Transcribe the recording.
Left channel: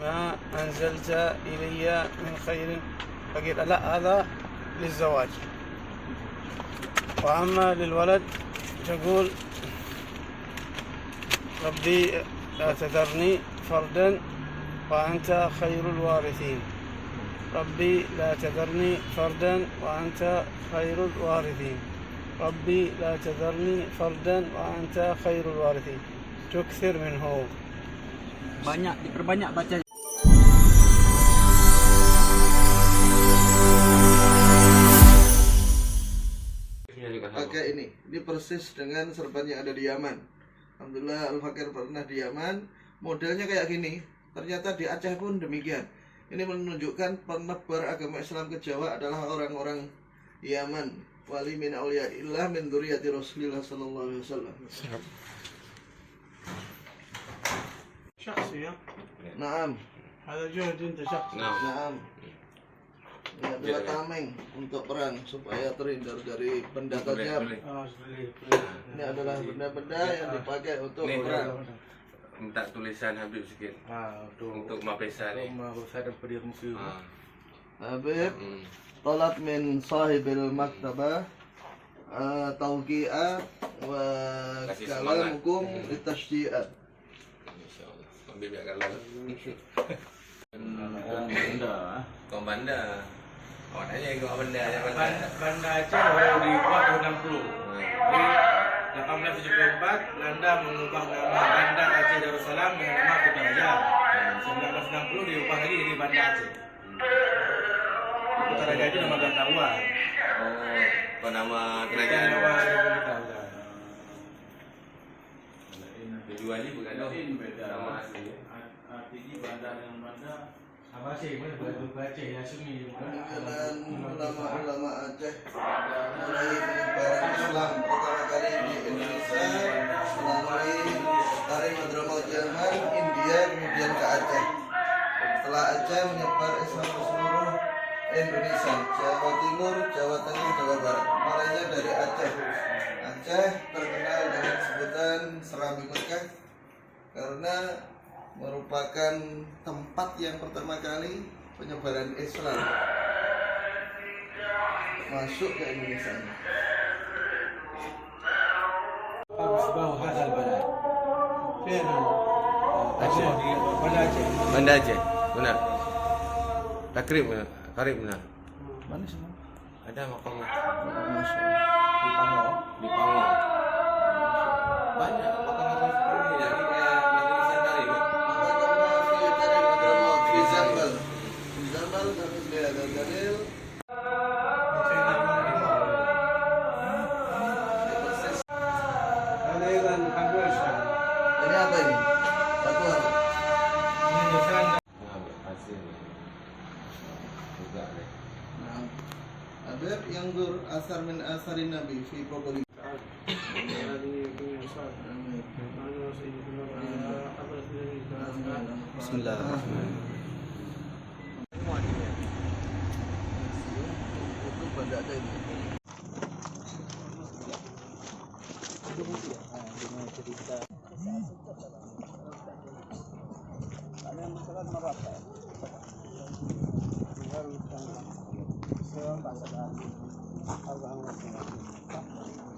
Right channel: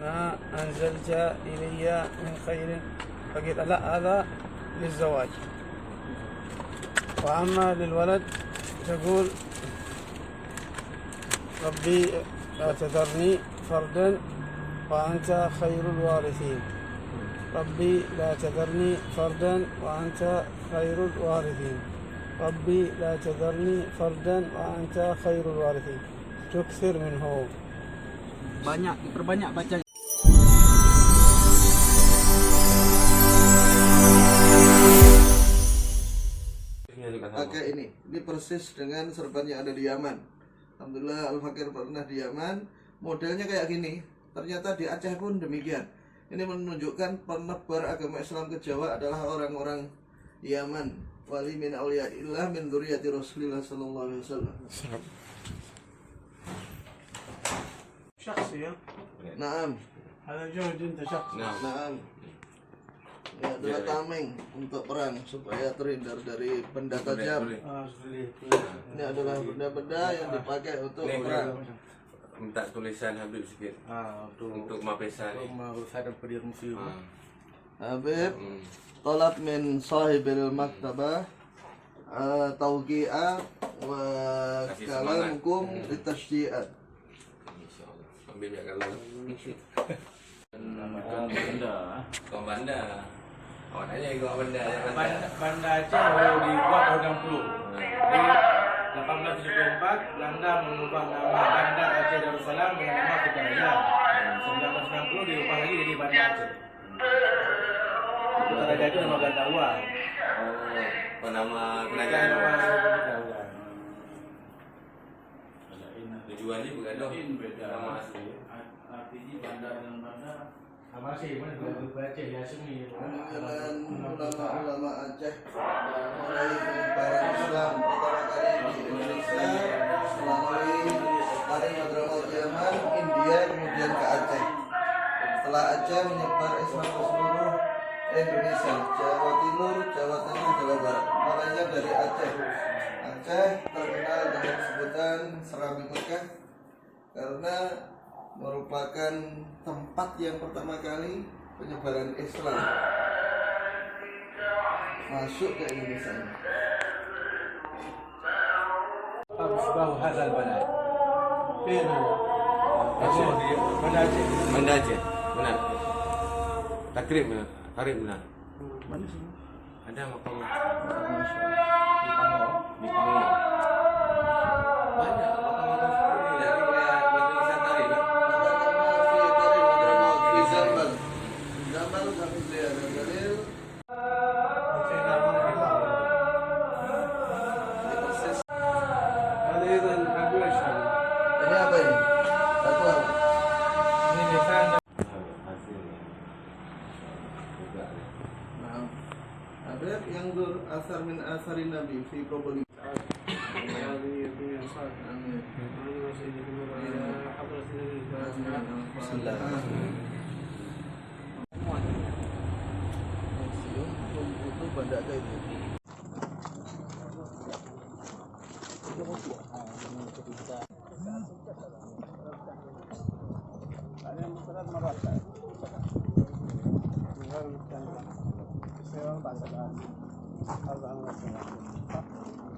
ما أنزلت إلي من خير. فقيل لا، هذا للزواج. وأما للولد تقول ربي لا تذرني فردا وأنت خير الوارثين. ربي لا تذرني فردا وأنت خير الوارثين. ربي لا تذرني فردا وأنت خير الوارثين. تكثر منه. Banyak, diperbanyak bacanya. Pakai ini persis dengan serban yang ada di Yaman. Alhamdulillah Al-Fakir pernah di Yaman, modelnya kayak gini. Ternyata di Aceh pun demikian. Ini menunjukkan penebar agama Islam ke Jawa adalah orang-orang Yaman. Wali min auliyaillah min dzurriyyati Rasulillah sallallahu alaihi wasallam. شخصي. Naam. هذا جهد أنت شخصي. Naam. Ini adalah tameng untuk perang supaya terhindar dari benda tajam. Ini adalah benda-benda yang dipakai untuk perang. Minta tulisan Habib sikit. Untuk mapesa ni. Habib talab min sahibil maktabah tawqi'at wa kalamukum litashji'at. InsyaAllah. Habib nak kalah. Kau bandar. Awak tanya ikut benda yang Banda Aceh baru dibuat tahun 60. Di 1874 Belanda mengubah nama Banda Aceh Darussalam dengan nama Kutaraja. 1960 diubah lagi jadi Banda Aceh. Kutaraja itu nama Belanda luar. Oh, nama kerajaan. Tujuan ni bukan nama asli. Artinya bandar dengan bandar sama sih, mana Aceh ya semi. Dengan ulama-ulama Aceh mulai penyebaran Islam pertama kali di Indonesia melalui tarik Hadramaut Yaman, India, kemudian ke Aceh. Setelah Aceh menyebar Islam ke seluruh Indonesia, Jawa Timur, Jawa Tengah, Jawa Barat. Mulainya dari Aceh. Aceh terkenal dengan sebutan Serambi Mekah karena merupakan tempat yang pertama kali penyebaran Islam masuk ke Indonesia. Asbah hadal balad. فين هذا؟ Aceh, Banda Aceh. Banda Aceh. Benar. Takrib karib benar. Mana sih? Ada makamnya. Di Pangau. Di Pangau. Banyak makam-makam seperti ini. Jadi kayak Majlis Tarif. Di Zambal. Di Zambal kami lihat dalil. هذا أيضا حق إيش هذا؟ Ini apa ini? Satu hal. من لسان. Hasilnya. Juga ni. Nah, ada yang berasar min asarin Nabi fi probably. هذه الدنيا صالحة. أنا وسيدكم وإلى حضرة النبي صلى الله عليه وسلم. Bismillahirrahmanirrahim. Itu benda ada ini. غير مستنقع. السيارة بعد الآن 4 سنوات.